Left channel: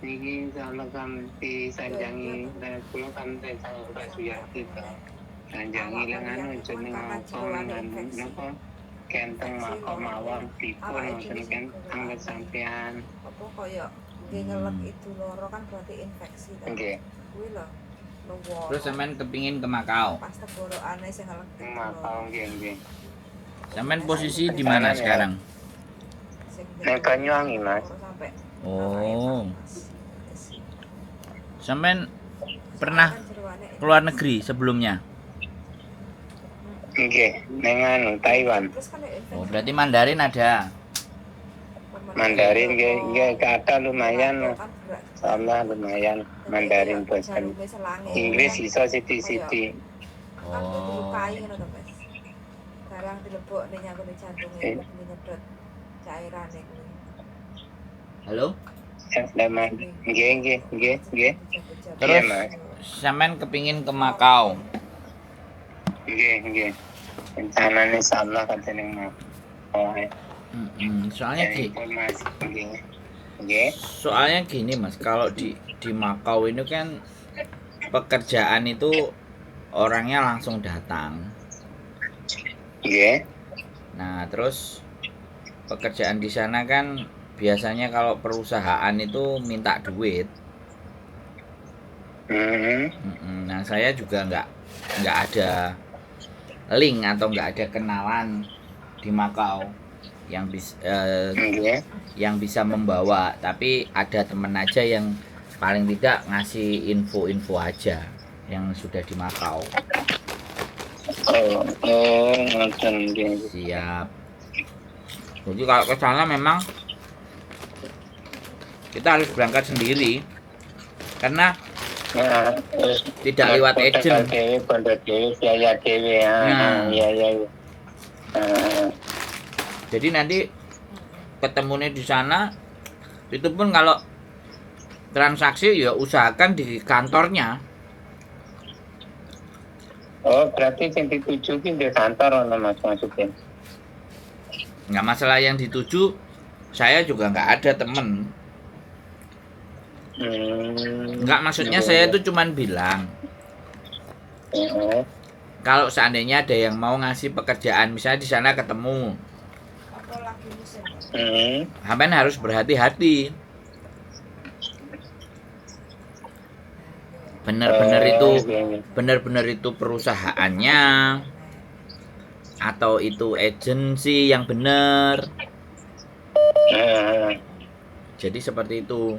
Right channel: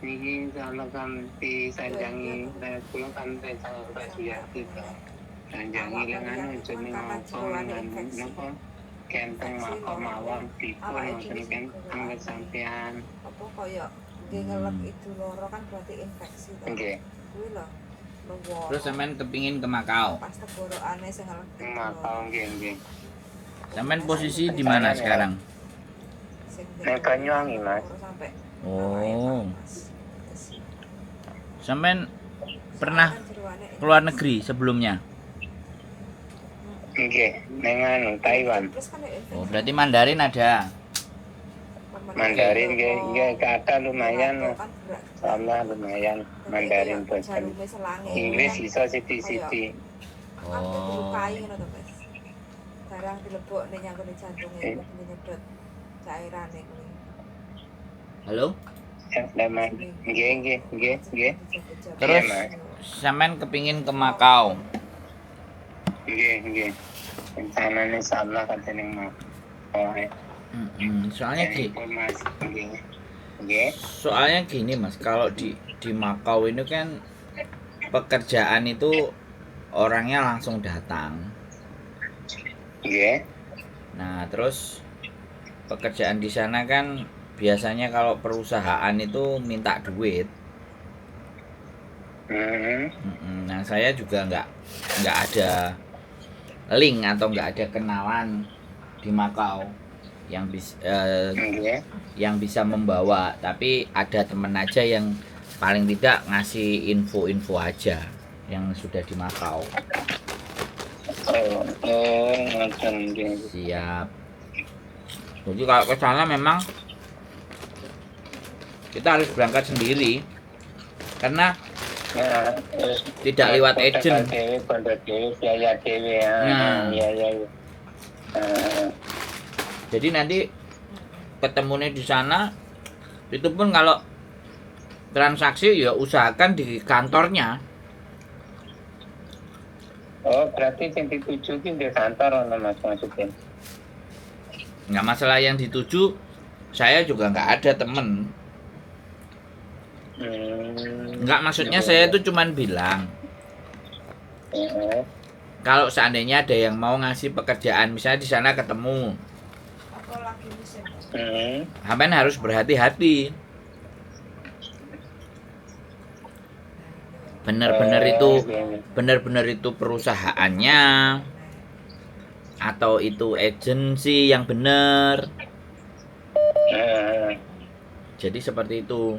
Niki kalau kan disanjangi kula kan rencana baju ya gitu. Sanjangi lengan jeneng apa lengan napa kenteng makam mawon dipun wonten kan angger sampean. Apa kaya ngelek itu loro kan berarti infeksi kan. Nggih. Kuwi lho. Terus sampean kepingin ke Makau. Pas tenggorokane sing ngelek. Makau nggih. Sampean posisi di mana sekarang? Banyuwangi, Mas. Oh. Sampean pernah keluar negeri sebelumnya? Nggih, dengan Taiwan. Oh, berarti Mandarin ada. Mandarin nggih kata lumayan. Sama lumayan Mandarin bosan. Inggris iso siti-siti. Oh. Barang dilebokne nyangkune jantunge nyedot cairane kuwi. Halo? Nggih. Terus sampean kepingin ke Makau. Nggih. Rencananya insyaallah katene mau. Soalnya gini Mas, kalau di Makau ini kan pekerjaan itu orangnya langsung datang. Nggih. Nah, terus pekerjaan di sana kan biasanya kalau perusahaan itu minta duit. Nah, saya juga nggak ada link atau nggak ada kenalan di Makau yang bisa membawa, tapi ada temen aja yang paling tidak ngasih info-info aja yang sudah di Makau. Siap. Jadi kalau ke sana memang kita harus berangkat sendiri karena tidak lewat agent. Jadi nanti ketemunya di sana itu pun kalau transaksi ya usahakan di kantornya. Oh, berarti yang dituju di kantor Mas maksudnya. Nggak masalah yang dituju, saya juga nggak ada temen. Nggak, maksudnya saya itu cuman bilang kalau seandainya ada yang mau ngasih pekerjaan, misalnya di sana ketemu, sampean harus berhati-hati. Benar-benar itu perusahaannya atau itu agensi yang benar. Jadi seperti itu.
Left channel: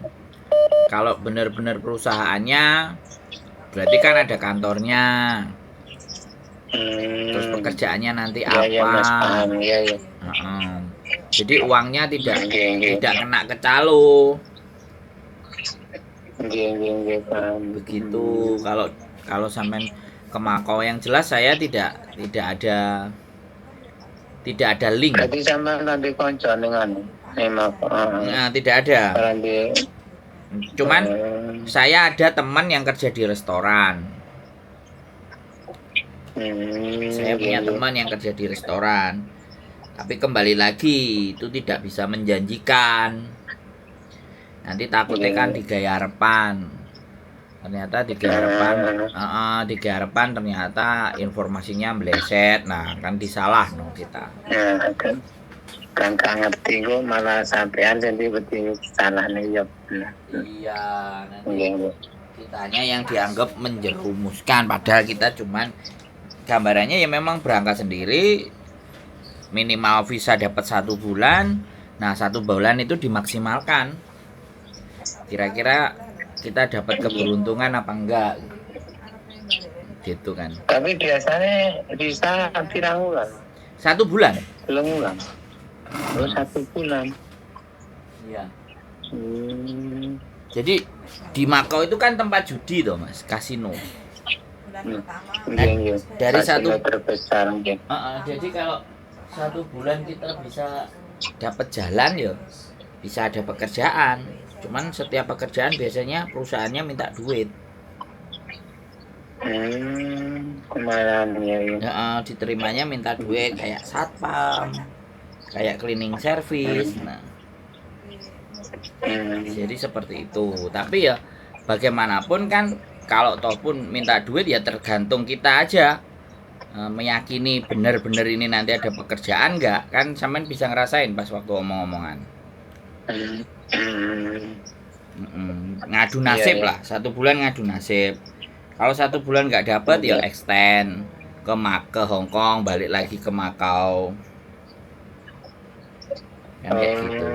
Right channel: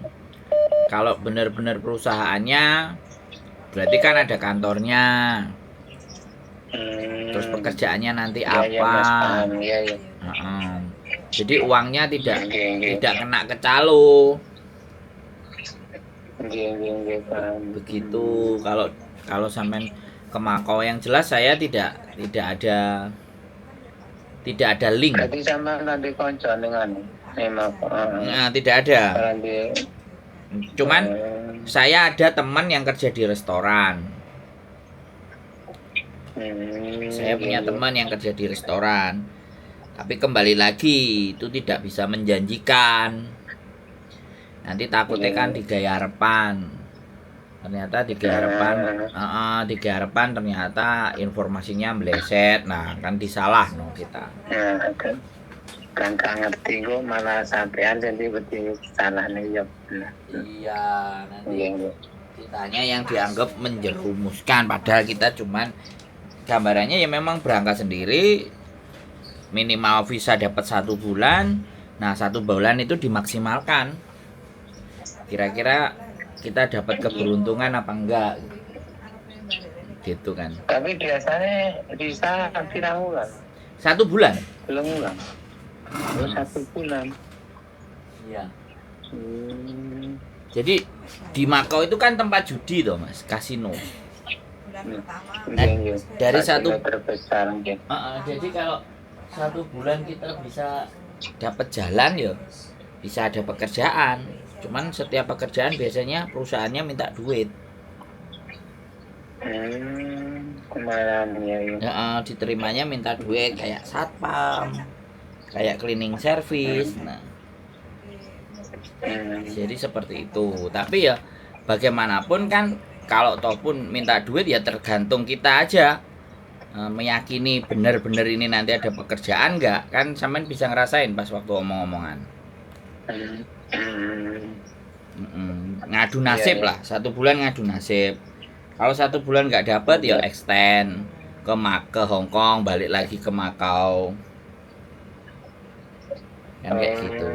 Kalau benar-benar perusahaannya berarti kan ada kantornya. Terus pekerjaannya nanti apa? Jadi uangnya tidak kena ke calo. Begitu. Kalau sampean ke Makau, yang jelas saya tidak ada link. Berarti sampean nanti konco dengan Nah, tidak ada. Cuman saya ada teman yang kerja di restoran. Saya punya teman yang kerja di restoran. Tapi kembali lagi itu tidak bisa menjanjikan. Nanti takutnya kan digaya harapan. Ternyata digaya harapan ternyata informasinya meleset. Nah, kan disalah no kita. Kan ngerti kok malah sampean jadi betul salah nih ya. Iya, nanti kitanya yang dianggap menjerumuskan, padahal kita cuman gambarannya ya memang berangkat sendiri, minimal visa dapat 1 bulan. Nah, 1 bulan itu dimaksimalkan. Kira-kira kita dapat keberuntungan apa enggak? Gitu kan. Tapi biasanya bisa pirang bulan? 1 bulan. Belum bulan. Oh, 1 bulan. Iya. Jadi di Makau itu kan tempat judi toh Mas, kasino. Nah, dari satu terbesar. Jadi kalau 1 bulan kita bisa dapat jalan ya, bisa ada pekerjaan. Cuman setiap pekerjaan biasanya perusahaannya minta duit. Kemarin ya. Diterimanya minta duit kayak satpam, kayak cleaning service. Nah, Jadi seperti itu. Tapi ya bagaimanapun kan kalau toh pun minta duit ya tergantung kita aja. Meyakini benar-benar ini nanti ada pekerjaan nggak, kan sampean bisa ngerasain pas waktu omong-omongan. Ngadu nasib lah, 1 bulan ngadu nasib. Kalau 1 bulan nggak dapat ya extend ke Hong Kong, balik lagi ke Makau, kan kayak gitu.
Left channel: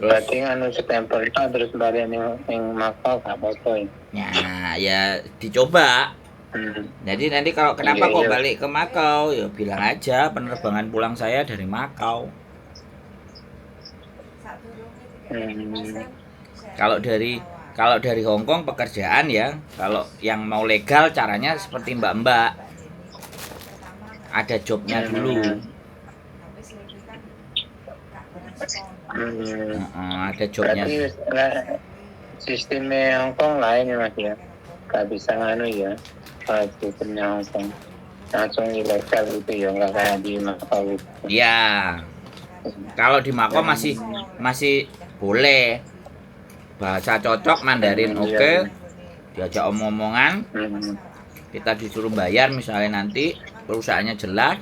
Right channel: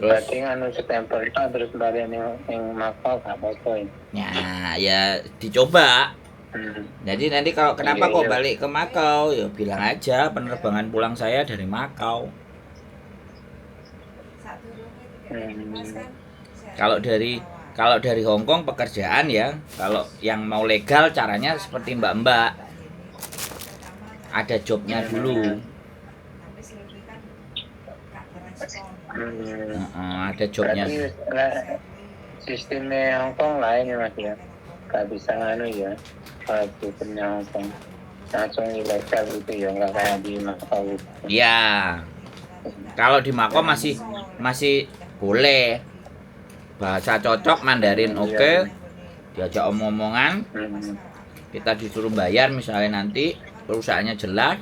Terus berarti anu stempel itu terus balik yang Makau gak apa-apa ya dicoba. Jadi nanti kalau kenapa kok balik ke Makau, ya bilang aja penerbangan pulang saya dari Makau. Kalau dari Hong Kong pekerjaan ya, kalau yang mau legal caranya seperti Mbak-mbak, ada jobnya dulu. Ada jobnya. Berarti sistemnya Hong Kong lain ya Mas ya, gak bisa nganu ya. Kalau sistemnya Hong Kong langsung ilegal gitu ya, nggak kayak di Makau. Ya, kalau di Makau masih boleh. Bahasa cocok, Mandarin oke, diajak omong-omongan, kita disuruh bayar misalnya nanti, perusahaannya jelas,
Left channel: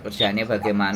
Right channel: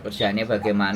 kerjaannya bagaimana.